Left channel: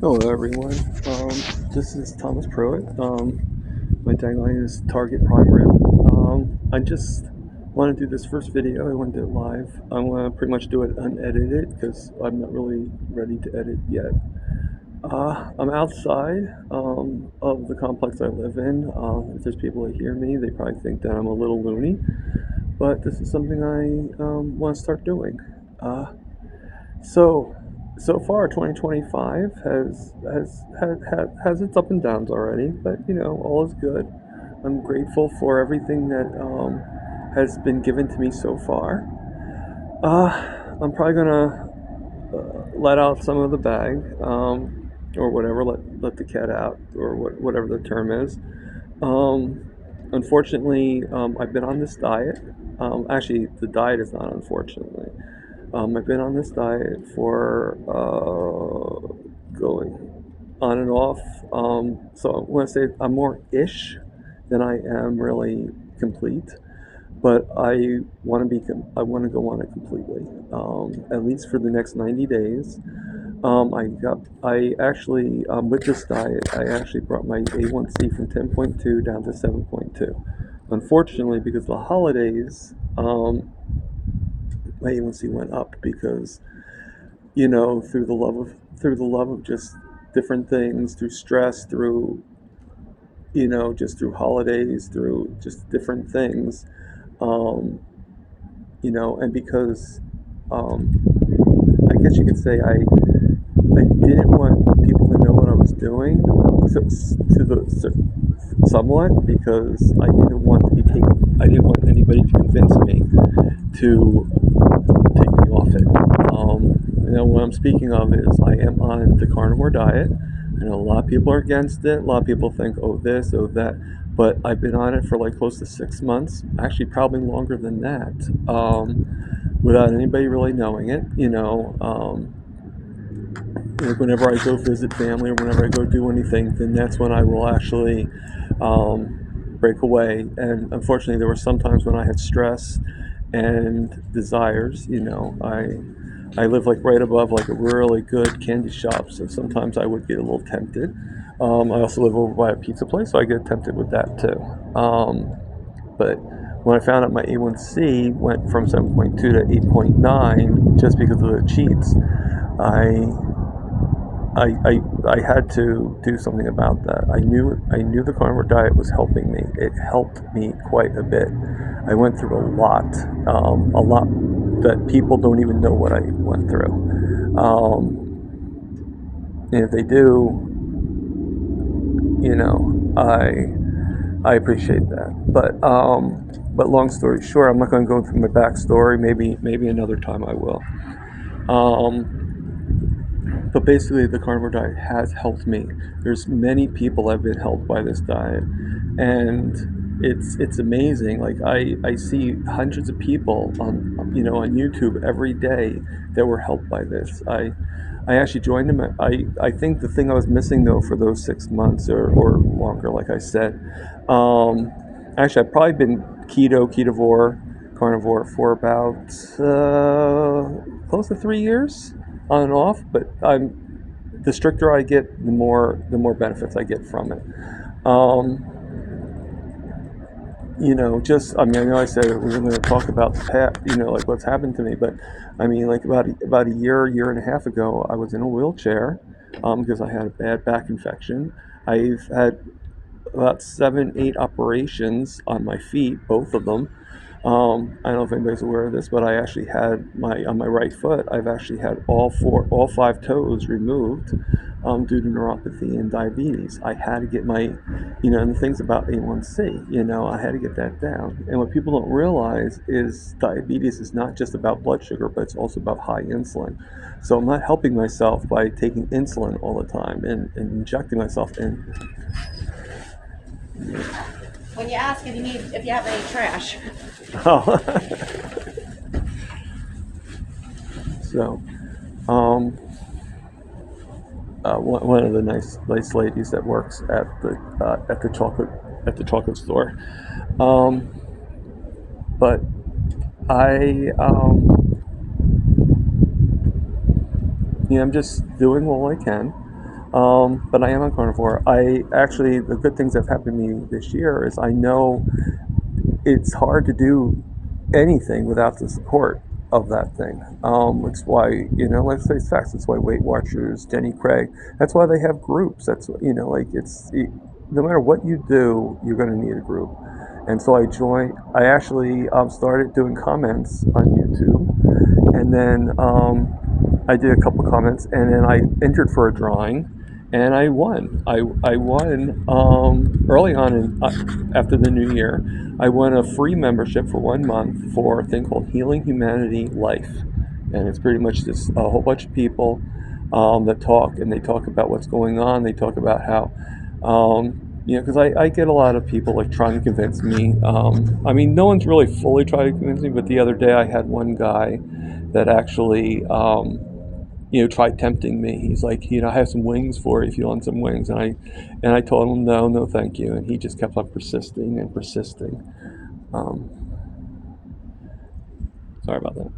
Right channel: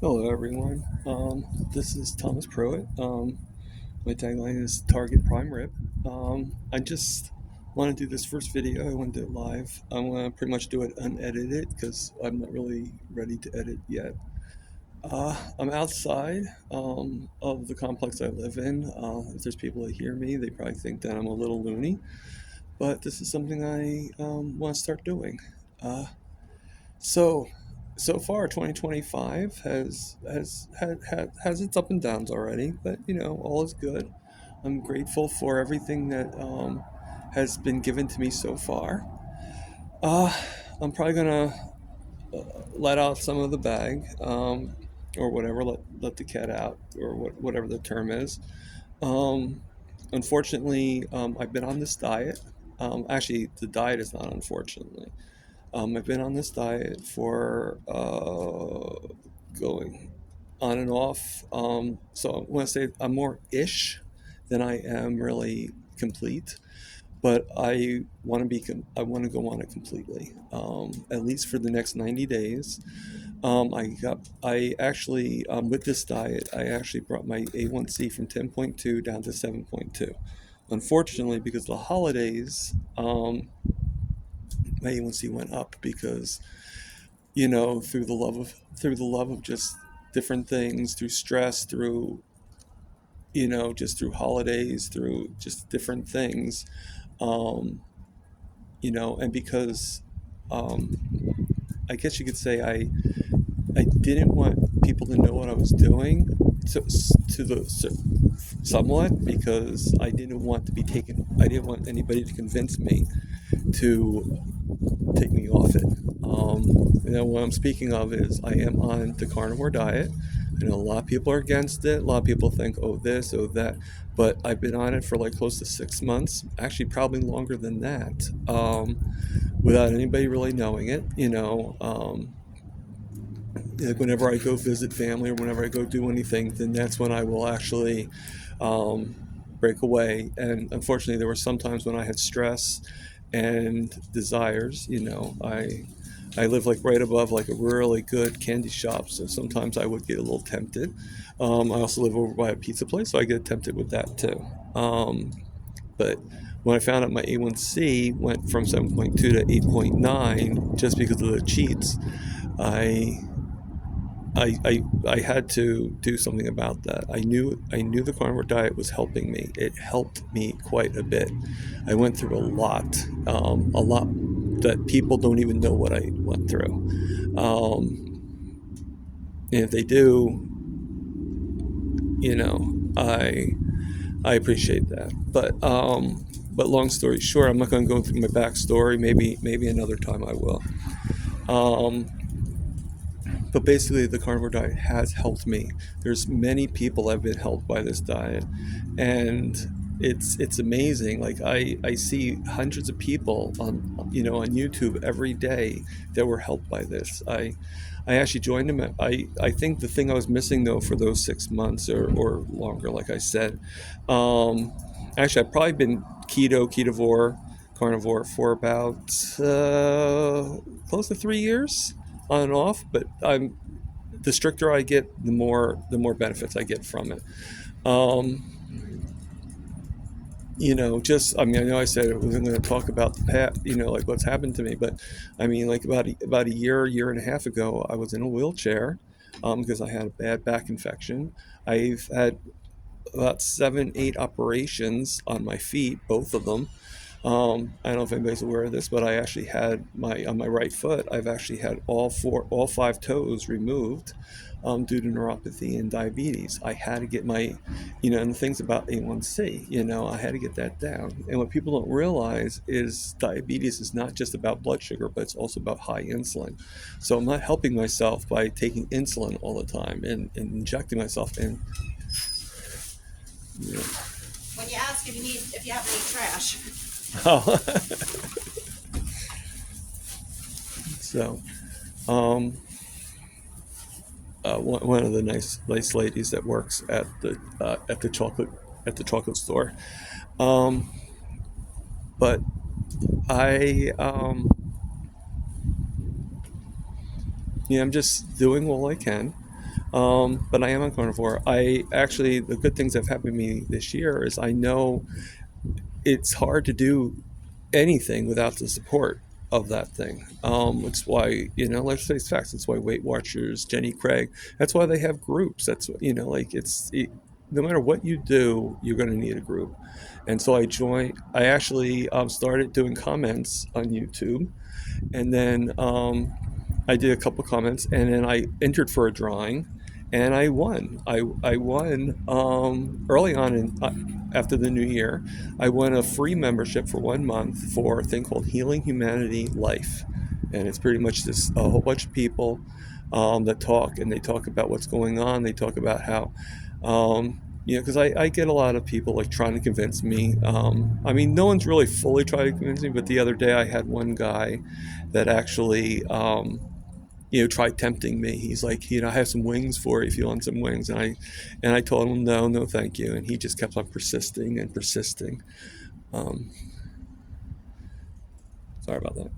Hello, everyone. This is Thomas Pruitt. My tagline is Target Prime Rib. I just want to do this first video. I want to do it live. I want to pretty much do it unedited because I'm not really ready to edit yet. I'm outside of the complex I live in. If there's people that hear me, they probably think that I'm a little loony, but this is something I want to start doing. Uh, so, so far, 2025 has its up and downs already, but all is good. I'm grateful for everything that has been given to me so far. Uh, I'm probably gonna let out some of the bag, or whatever. Let the cat out, or whatever the term is. Um, Unfortunately, I've been on this diet. Actually, the diet is not unfortunately. I've been on this diet for going on and off. So I want to say I'm more ish than I am really complete. But I want to go on it completely, at least for the next 90 days. I actually, with this diet, I actually brought my A1C from 10.2 down to 7.2. Unfortunately, because of the holidays, my A1C went up because through the love of just different things, through stress, through just through holidays, through just different things, um, and because um, I guess you could say I didn't want people to know what I was doing to somewhat because I didn't want anybody to convince me to take me off it. What I'm speaking of is I am on the carnivore diet. I know a lot of people are against it. A lot of people think, oh, this, oh, that. But I've been on it for like close to 6 months, actually, probably longer than that, without anybody really knowing it. Like whenever I go visit family or whenever I go do anything, then that's when I will actually break away. And unfortunately, there were some times when I had stress and desires. I live like right above like a really good candy shop, so sometimes I would get a little tempted. I also live over by a pizza place, so I get tempted with that too. But when I found out my A1C went from 7.2 to 8.9 just because of the cheats, I I had to do something about that. I knew the carnivore diet was helping me. It helped me quite a bit. I went through a lot that people don't even know what I went through. And if they do, I appreciate that. But long story short, I'm not going to go through my backstory. Maybe another time I will. Um, but basically, the carnivore diet has helped me. There's many people have been helped by this diet, and it's amazing. Like I see hundreds of people on YouTube every day that were helped by this. I actually joined them. I think the thing I was missing though for those 6 months or longer, like I said, actually I've probably been ketovore, carnivore for about close to 3 years on and off, but the stricter I get, the more benefits I get from it. Um, just I mean, I know I said we were going to talk about the past, like what's happened to me, but I mean, like about a year and a half ago, I was in a wheelchair because I had a bad back infection. I've had about 7, 8 operations on my feet, both of them. I don't know if anybody's aware of this, but I actually had on my right foot. I've actually had all 5 toes removed due to neuropathy and diabetes. I had to get and the things about A1C, I had to get that down. And what people don't realize is diabetes is not just about blood sugar, but it's also about high insulin. So I'm not helping myself by taking insulin all the time and injecting myself in. When you ask if you have any trash. Oh. So, um, one of the nice ladies that works at the chocolate store, um, but I I'm just doing all I can. But I am on carnivore. The good things that have happened to me this year is I know it's hard to do anything without the support of that thing. It's why, let's face facts. It's why Weight Watchers, Jenny Craig, that's why they have groups. That's, no matter what you do, you're going to need a group. And so I actually started doing comments on YouTube. And then I did a couple comments, and then I entered for a drawing. And I won. I won early on after the new year. I won a free membership for 1 month for a thing called Healing Humanity Life, and it's pretty much this a whole bunch of people that talk, and they talk about what's going on. They talk about how, because I get a lot of people like trying to convince me. No one's really fully trying to convince me, but the other day I had one guy that actually. Try tempting me. He's like, I have some wings for you if you want some wings. And I told him, no, thank you. And he just kept on persisting and persisting. Sorry about that.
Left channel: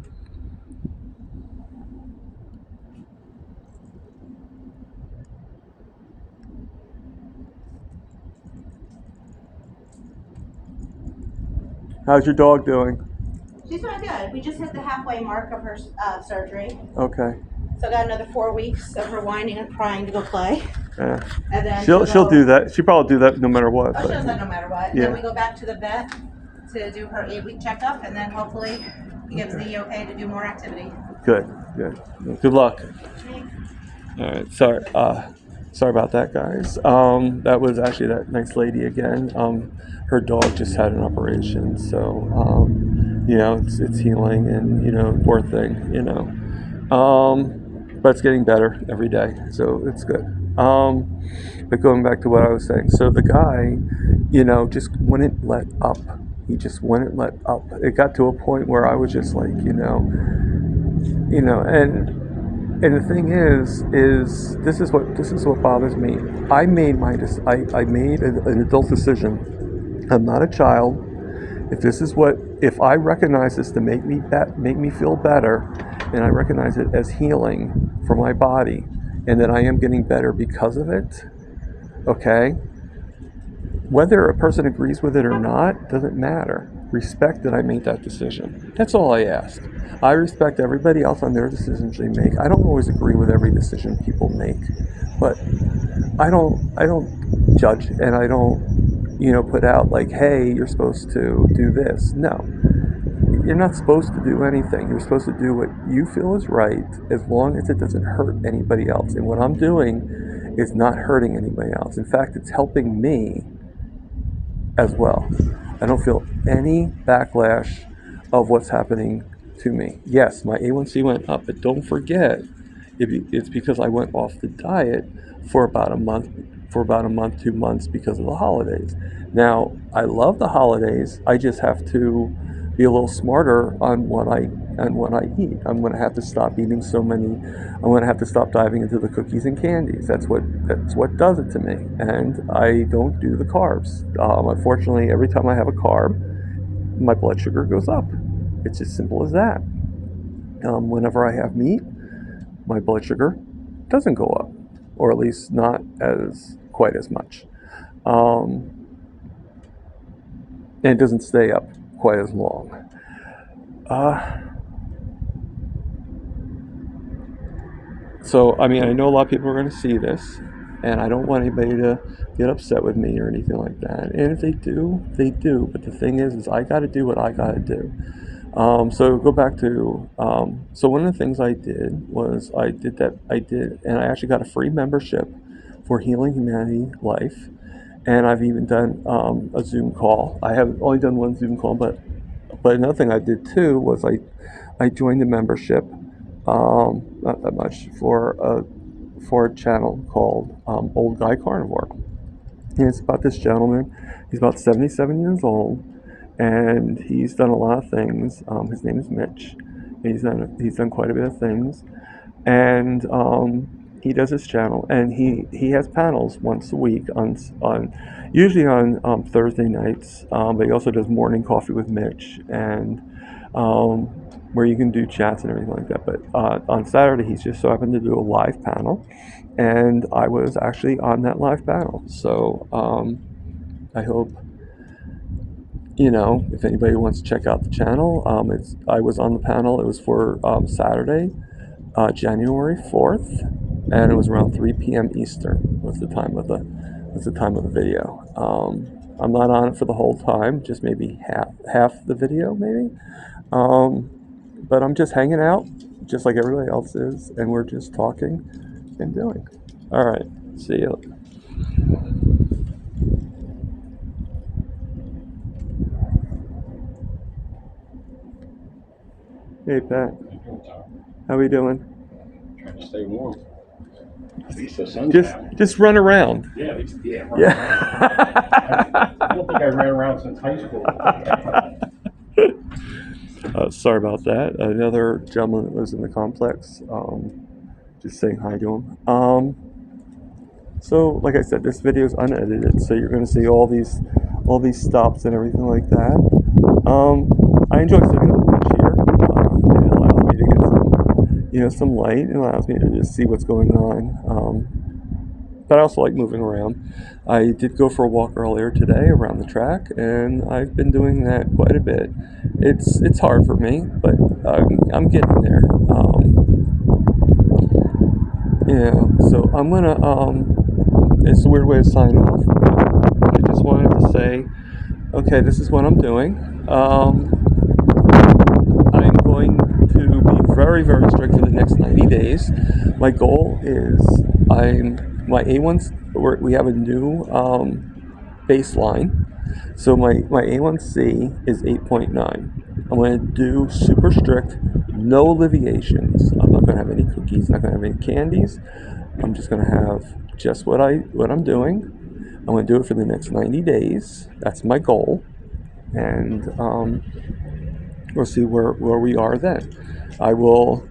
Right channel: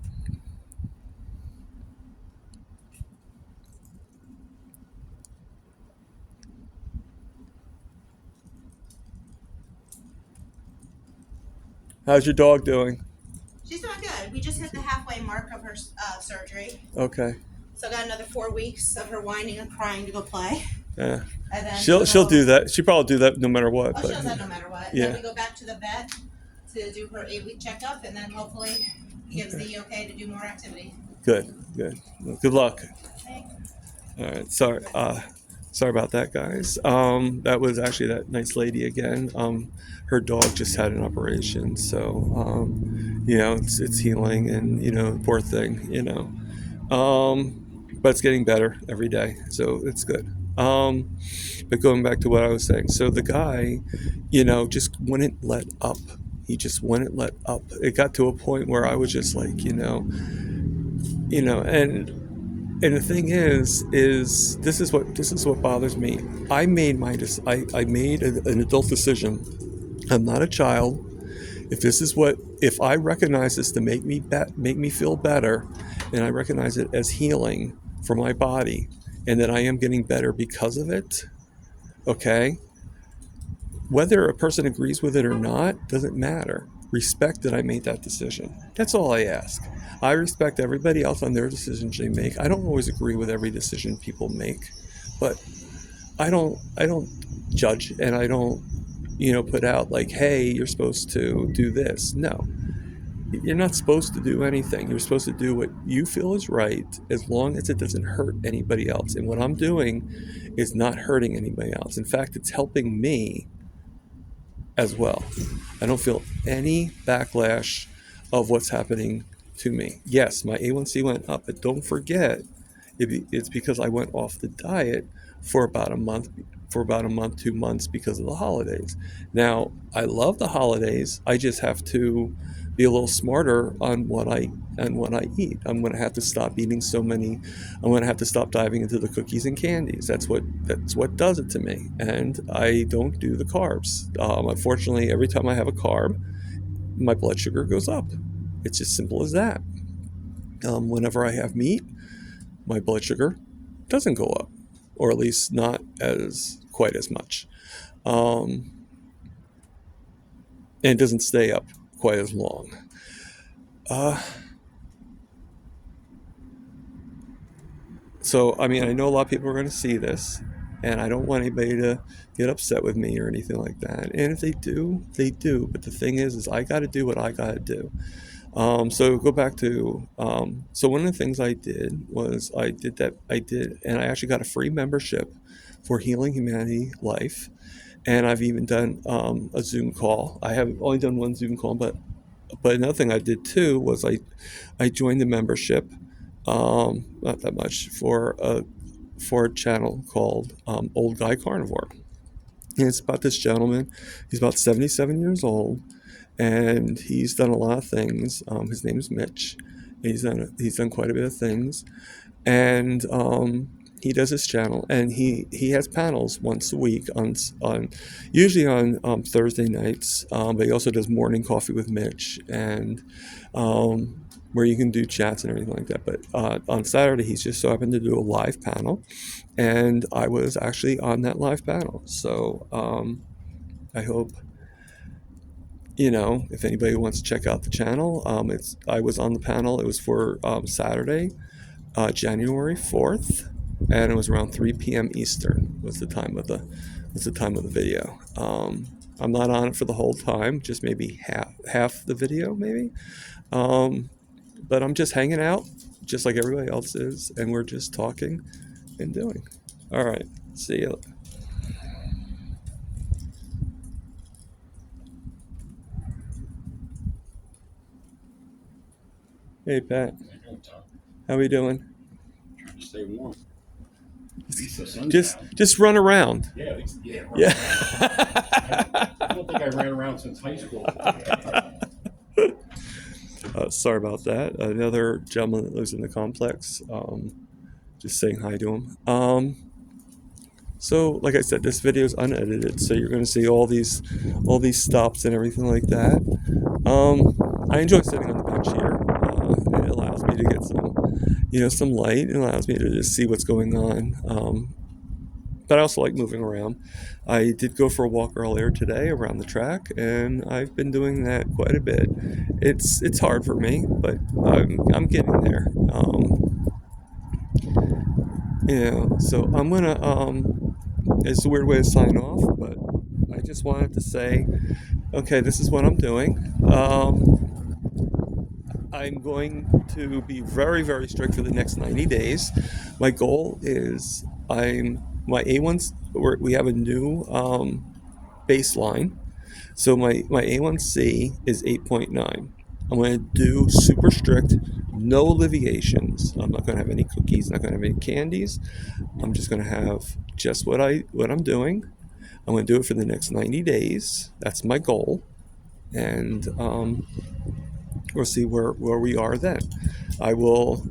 How's your dog doing? She's doing good. We just hit the halfway mark of her surgery. Okay. So I got another 4 weeks of her whining and crying to go play. Yeah. And then She'll do that. She'll probably do that no matter what. Oh, she does that no matter what. Yeah. Then we go back to the vet to do her 8-week checkup, and then hopefully he gives the okay to do more activity. Good. Good luck. Thanks. All right. Sorry about that, guys. That was actually that nice lady again. Her dog just had an operation, so it's healing, and poor thing, but it's getting better every day, so it's good. But going back to what I was saying, so the guy, just wouldn't let up. He just wouldn't let up. It got to a point where I was just like, and the thing is this is what bothers me. I made an adult decision. I'm not a child. If I recognize this to make me feel better, and I recognize it as healing for my body, and that I am getting better because of it, okay? Whether a person agrees with it or not doesn't matter. Respect that I made that decision. That's all I ask. I respect everybody else on their decisions they make. I don't always agree with every decision people make, but I don't judge, and I don't put out like, hey, you're supposed to do this. No, you're not supposed to do anything. You're supposed to do what you feel is right, as long as it doesn't hurt anybody else. And what I'm doing is not hurting anybody else. In fact, it's helping me as well. I don't feel any backlash of what's happening to me. Yes, my A1C went up, but don't forget, it's because I went off the diet for about a month, 2 months, because of the holidays. Now, I love the holidays. I just have to be a little smarter on what I eat. I'm going to have to stop eating so many. I'm going to have to stop diving into the cookies and candies. That's what does it to me. And I don't do the carbs. Unfortunately, every time I have a carb, my blood sugar goes up. It's as simple as that. Whenever I have meat, my blood sugar doesn't go up, or at least not quite as much. And it doesn't stay up quite as long. So, I know a lot of people are going to see this, and I don't want anybody to get upset with me or anything like that. And if they do, they do. But the thing is I got to do what I got to do. So go back to, so one of the things I did was and I actually got a free membership for Healing Humanity Life. And I've even done a Zoom call. I have only done one Zoom call, but another thing I did too was I joined the membership, not that much, for a channel called Old Guy Carnivore. And it's about this gentleman. He's about 77 years old, and he's done a lot of things. His name is Mitch. He's done quite a bit of things, and he does his channel, and he has panels once a week on usually on Thursday nights, but he also does morning coffee with Mitch, and where you can do chats and everything like that. But on Saturday, he's just so happened to do a live panel, and I was actually on that live panel. So I hope, if anybody wants to check out the channel, I was on the panel. It was for Saturday, January 4th, and it was around 3 p.m. Eastern was the time of the video. I'm not on it for the whole time, just maybe half the video, maybe. But I'm just hanging out, just like everybody else is, and we're just talking and doing. All right, see you. Hey, Pat. How we doing? Trying to stay warm. At least the sun's out. Just run around. Yeah, run Yeah. around. I don't think I ran around since high school. Sorry about that. Another gentleman that lives in the complex. Just saying hi to him. So, like I said, this video is unedited, so you're going to see all these stops and everything like that. I enjoy sitting on the bench here. It allows me to get some light. It allows me to just see what's going on. But I also like moving around. I did go for a walk earlier today around the track, and I've been doing that quite a bit. It's hard for me, but I'm getting there. So I'm gonna. It's a weird way to sign off, but I just wanted to say, okay, this is what I'm doing. I'm going to be very, very strict for the next 90 days. My goal is my A1. We have a new baseline, so my A1C is 8.9. I'm going to do super strict, no alleviations. I'm not going to have any cookies, not going to have any candies. I'm just going to have just what I'm doing. I'm going to do it for the next 90 days. That's my goal, and we'll see where we are then. I will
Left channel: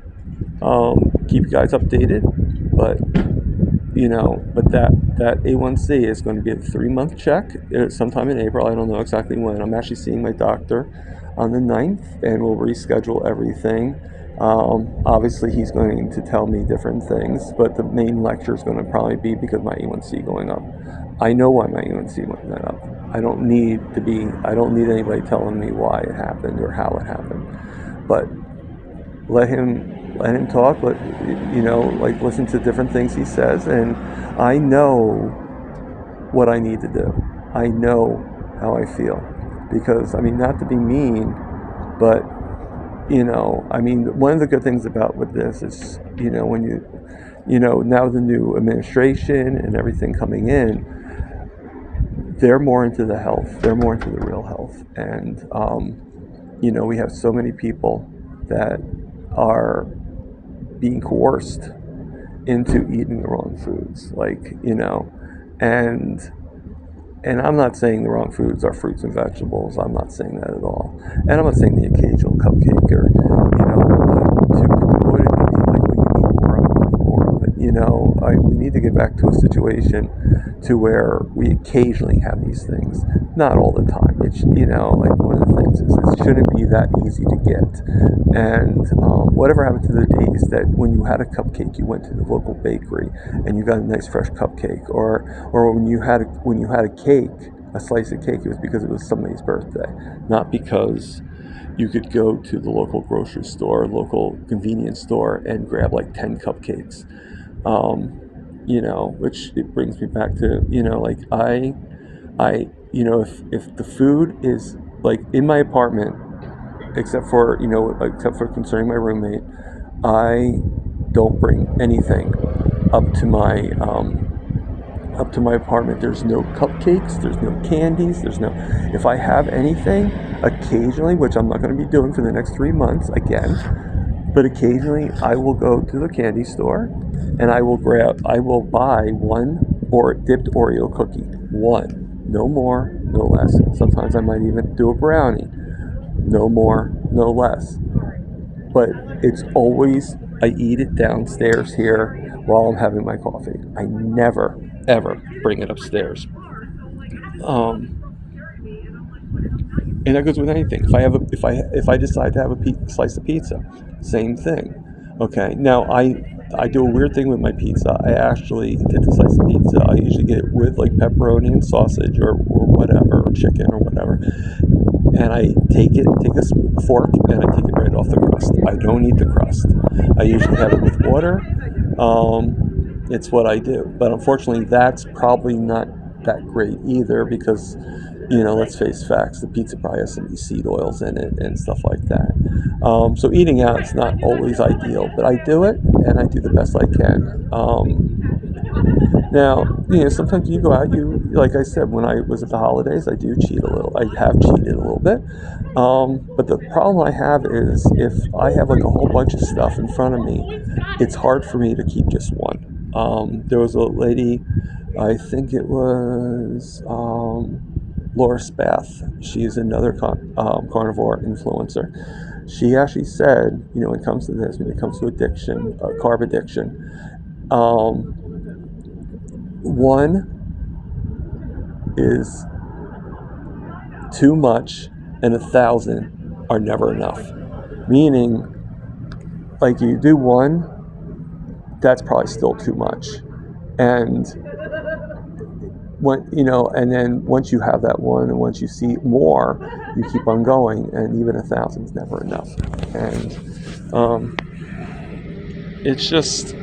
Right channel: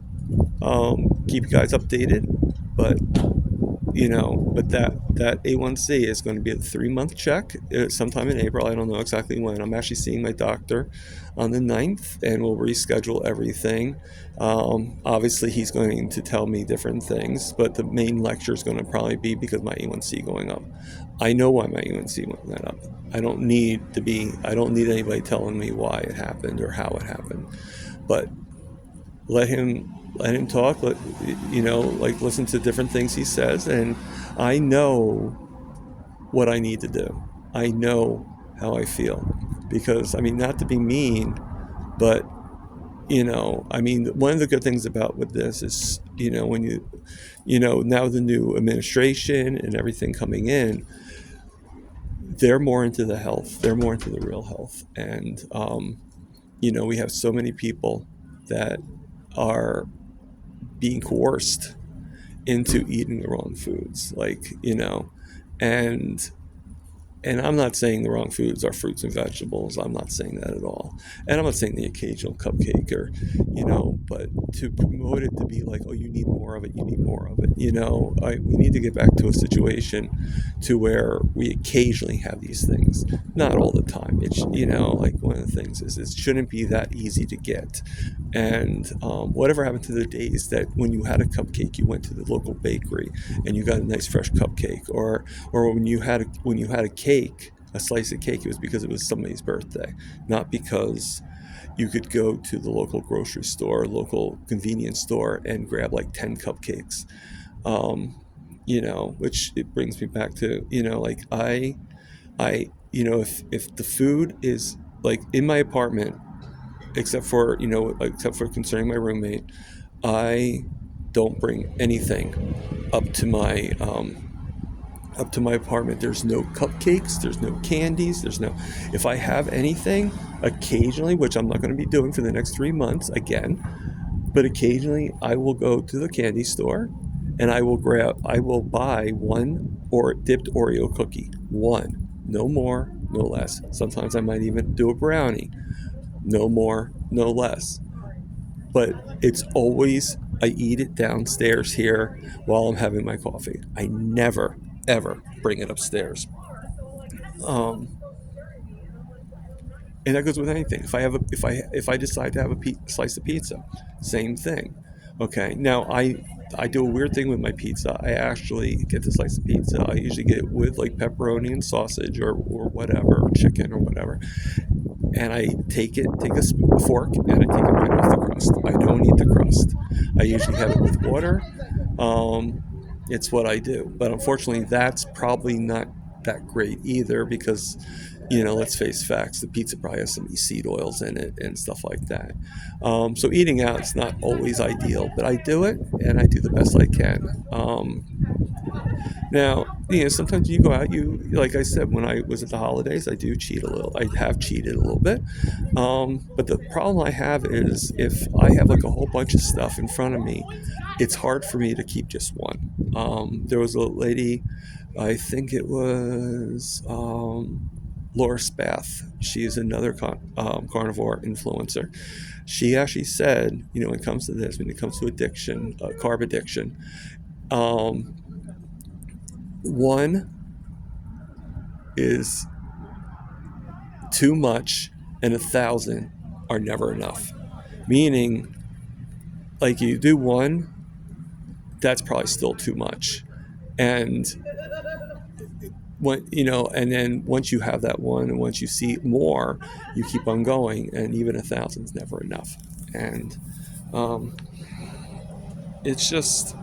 keep you guys updated, but that A1C is going to be a 3-month check sometime in April. I don't know exactly when. I'm actually seeing my doctor on the 9th, and we'll reschedule everything. Obviously, he's going to tell me different things, but the main lecture is going to probably be because my A1C going up. I know why my A1C went up. I don't need anybody telling me why it happened or how it happened. But let him talk. Listen to different things he says, and I know what I need to do. I know how I feel, because not to be mean, but one of the good things with this is, when now the new administration and everything coming in, they're more into the health. They're more into the real health, and we have so many people that are being coerced into eating the wrong foods, and I'm not saying the wrong foods are fruits and vegetables. I'm not saying that at all. And I'm not saying the occasional cupcake but to promote it to be like, well, you need more of it, we need to get back to a situation to where we occasionally have these things, not all the time. It's, one of the things is it shouldn't be that easy to get. And whatever happened to the days that when you had a cupcake, you went to the local bakery and you got a nice fresh cupcake, or when you had a cake, a slice of cake, it was because it was somebody's birthday, not because you could go to the local grocery store, local convenience store, and grab like 10 cupcakes. Which it brings me back to, if the food is like in my apartment, except for concerning my roommate, I don't bring anything up to my apartment. There's no cupcakes, there's no candies, if I have anything, occasionally, which I'm not going to be doing for the next 3 months again, but occasionally I will go to the candy store and I will buy one dipped Oreo cookie. One. No more, no less. Sometimes I might even do a brownie. No more, no less. But it's always, I eat it downstairs here while I'm having my coffee. I never, ever bring it upstairs. And that goes with anything. If I decide to have a slice of pizza, same thing. Okay. Now I do a weird thing with my pizza. I actually get the slice of pizza. I usually get it with like pepperoni and sausage or whatever, or chicken or whatever. And I take a fork, and I take it right off the crust. I don't eat the crust. I usually have it with water. It's what I do. But unfortunately, that's probably not that great either, because, let's face facts, the pizza probably has some seed oils in it and stuff like that. So eating out is not always ideal, but I do it, and I do the best I can. Now, sometimes you go out, like I said, when I was at the holidays, I do cheat a little. I have cheated a little bit. But the problem I have is if I have like a whole bunch of stuff in front of me, it's hard for me to keep just one. There was a lady, I think it was Laura Spath. She's another carnivore influencer. She actually said, when it comes to this, when it comes to addiction, carb addiction, one is too much and 1,000 are never enough. Meaning, like, you do one, that's probably still too much. And and then once you have that one, and once you see more, you keep on going, and even 1,000 is never enough. And it's just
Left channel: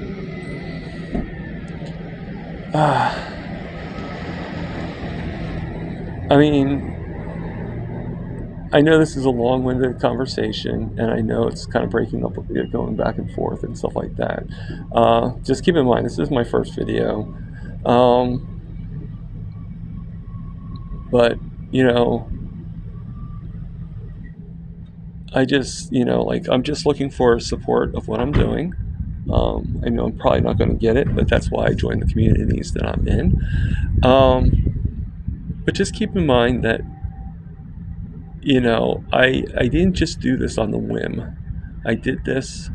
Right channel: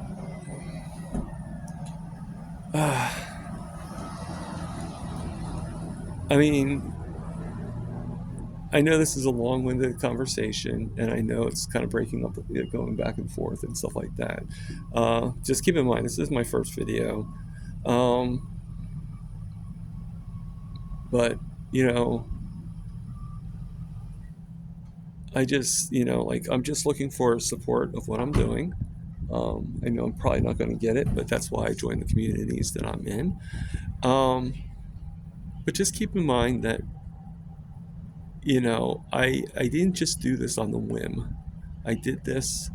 I know this is a long-winded conversation, and I know it's kind of breaking up, going back and forth and stuff like that. Just keep in mind, this is my first video. But, I just, I'm just looking for support of what I'm doing. I know I'm probably not going to get it, but that's why I joined the communities that I'm in. But just keep in mind that, I didn't just do this on the whim. I did this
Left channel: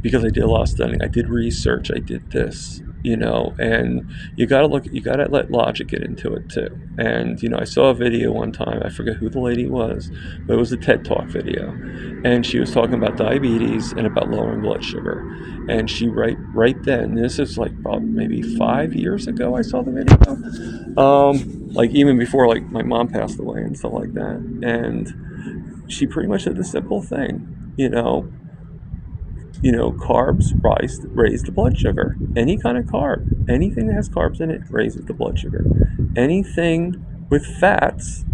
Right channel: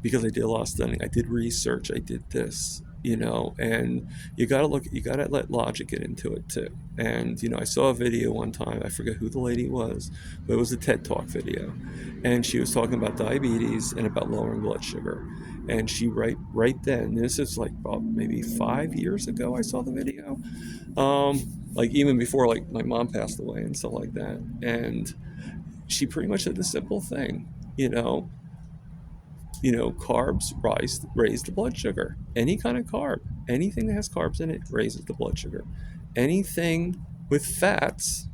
because I did a lot of studying. I did research. I did this, and you gotta let logic get into it too. And, I saw a video one time, I forget who the lady was, but it was a TED Talk video. And she was talking about diabetes and about lowering blood sugar. And she right then, this is like probably maybe 5 years ago I saw the video. Like even before like my mom passed away and stuff like that. And she pretty much said the simple thing, carbs raise the blood sugar. Any kind of carb, anything that has carbs in it raises the blood sugar. Anything with fats,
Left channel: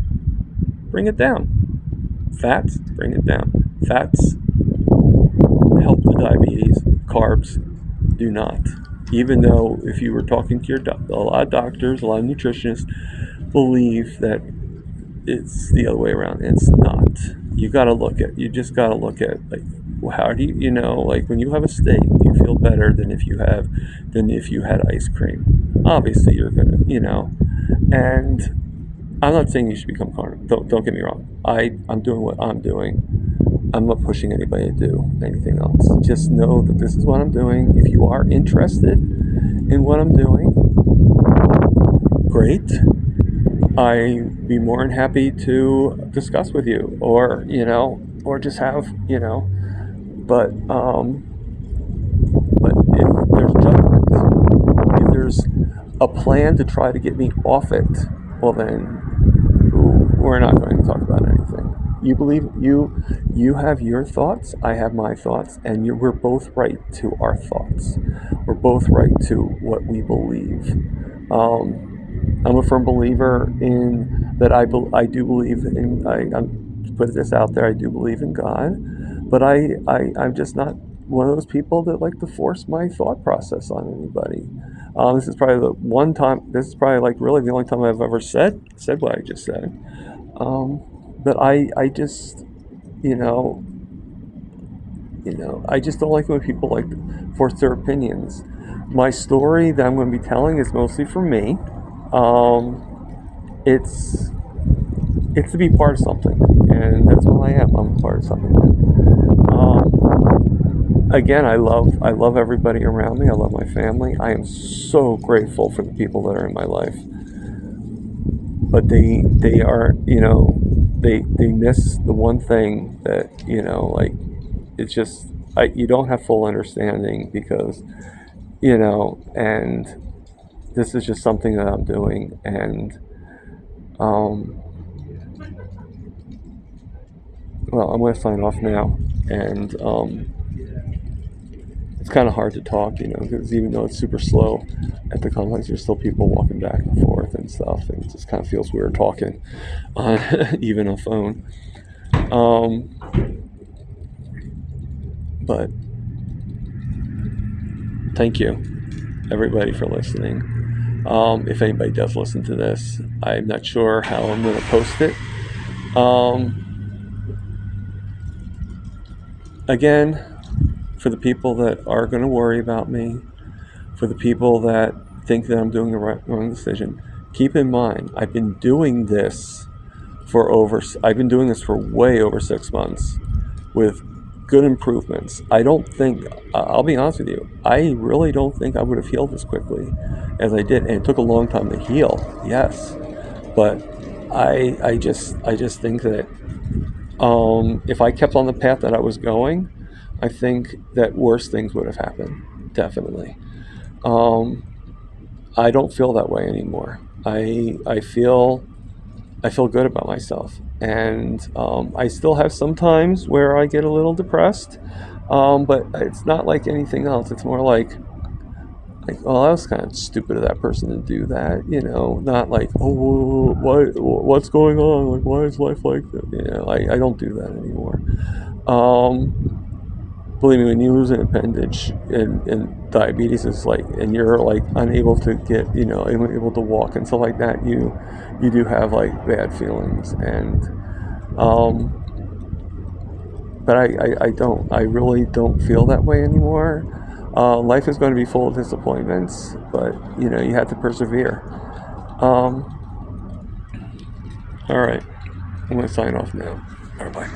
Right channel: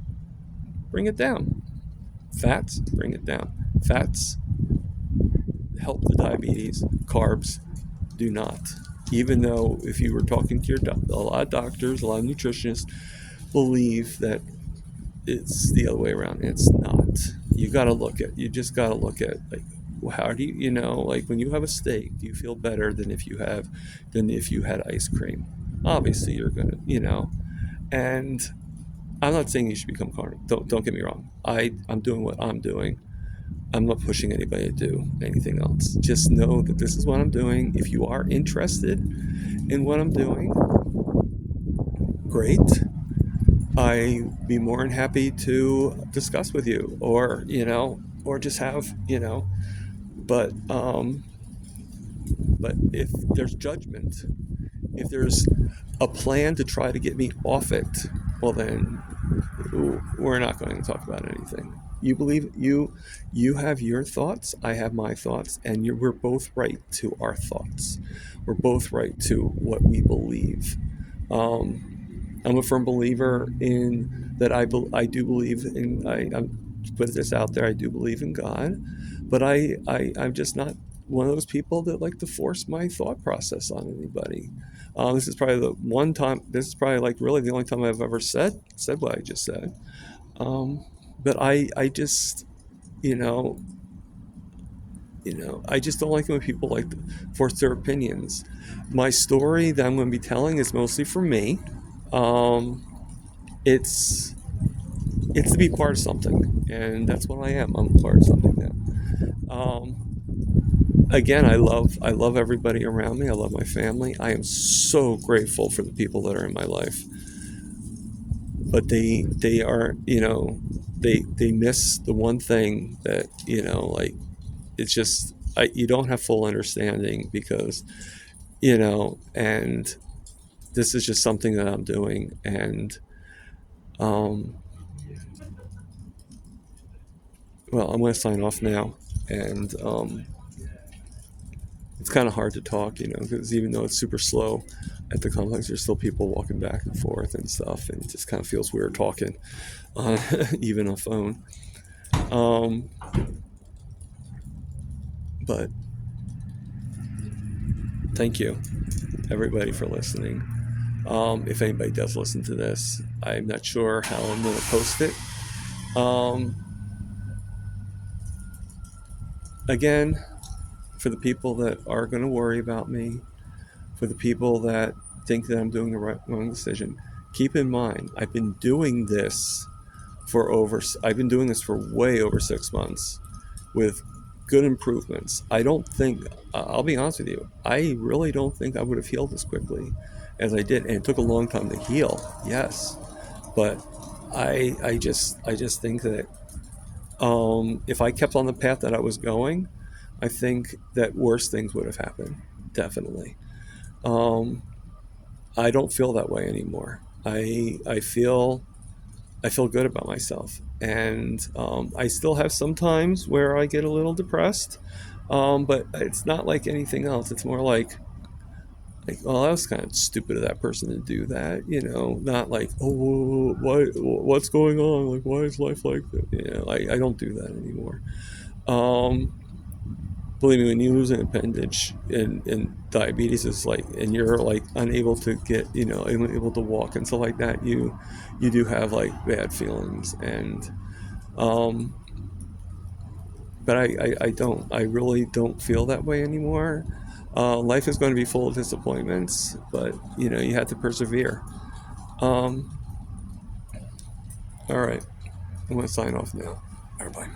bring it down. Fats, bring it down. Fats help the diabetes. Carbs do not. Even though if you were talking to your a lot of doctors, a lot of nutritionists believe that it's the other way around. It's not. You just gotta look at like, how do you, like when you have a steak, you feel better than if you had ice cream. Obviously you're gonna, and I'm not saying you should become carnivore. Don't get me wrong. I'm doing what I'm doing. I'm not pushing anybody to do anything else. Just know that this is what I'm doing. If you are interested in what I'm doing, great. I'd be more than happy to discuss with you, or just have, but if there's judgment, if there's a plan to try to get me off it, well then we're not going to talk about anything. You believe you have your thoughts, I have my thoughts, and we're both right to our thoughts. We're both right to what we believe. I'm a firm believer in that. I do believe in. I'm put this out there. I do believe in God, but I'm just not one of those people that like to force my thought process on anybody. This is probably the one time. This is probably like really the only time I've ever said what I just said. But I just, I just don't like when people like force their opinions. My story that I'm going to be telling is mostly for me. It's to be part of something, and that's what I am. I'm a part of something. Again, I love everybody around me. I love my family. I am so grateful for the people that are in my life. but they are, you know, they miss the one thing that, you know, like, it's just, you don't have full understanding because, you know, and this is just something that I'm doing, and well, I'm going to sign off now, and it's kind of hard to talk, you know, because even though it's super slow at the complex, there's still people walking back and forth and stuff, and it just kind of feels weird talking on even a phone. But thank you, everybody, for listening. If anybody does listen to this, I'm not sure how I'm going to post it. Again, for the people that are going to worry about me, for the people that think that I'm doing the wrong decision, keep in mind, I've been doing this for way over 6 months with good improvements. I don't think, I'll be honest with you, I really don't think I would have healed as quickly as I did. And it took a long time to heal, yes. But I just think that if I kept on the path that I was going, I think that worse things would have happened, definitely. I don't feel that way anymore. I feel good about myself, and I still have some times where I get a little depressed, but it's not like anything else. It's more like, oh, that was kind of stupid of that person to do that, you know. Not like, oh, what's going on? Like, why is life like that? You know, I don't do that anymore. Believe me, when you lose an appendage and diabetes is like, and you're like unable to get, you know, unable to walk and stuff like that, you do have like bad feelings, and but I really don't feel that way anymore. Life is going to be full of disappointments, but you know, you have to persevere. All right, I'm going to sign off now. All right, bye.